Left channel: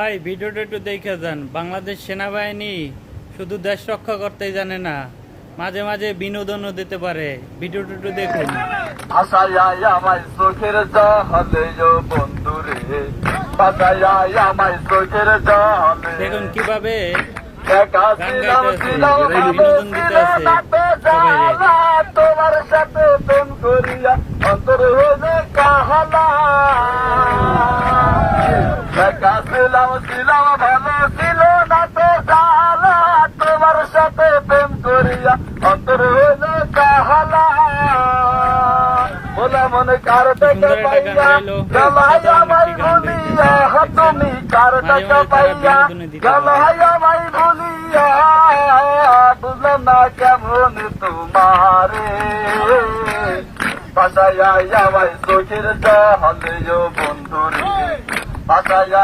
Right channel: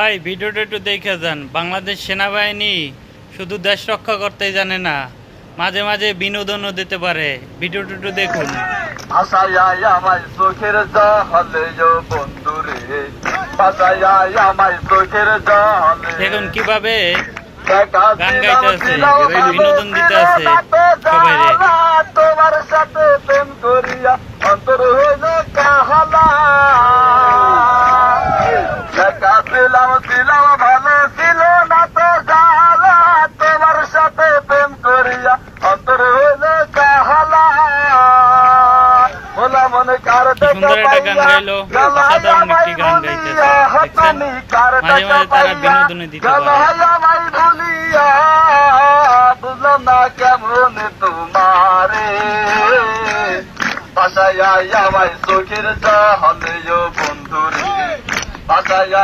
ভাই ভিডিওটা একটু দেখে যান। বাংলাদেশ সেনাবাহিনী শুধু দেশ রক্ষা করতেই জানে না, মাঝে মাঝে বিনোদনও দিতে পারে। ভিডিওটা একটু দেখুন। আমার চোখের জলে বন্ধুরে আমার চোখের জলে দেখুন কিভাবে গান গাইতে আছে, বিনোদন দিতে আছে সবাই রে। তোমার সাথে প্রেম করিয়া অন্তর হইল কাহালা দিলাম ভালো ছিল না তো কালা তোমার সাথে প্রেম করিয়া অন্তর হইল কাহালা বলা মনে কার কি সুন্দর একটা গান গাইলো, অসাধারণ একটি গান গাইতেছে। দেখছেন মাঝে মাঝে তারা বিনোদনে দিতে পারে। বুঝলাম না কেমন তোমারে বাসায় আমার চোখের জলে বন্ধুরে বাসায়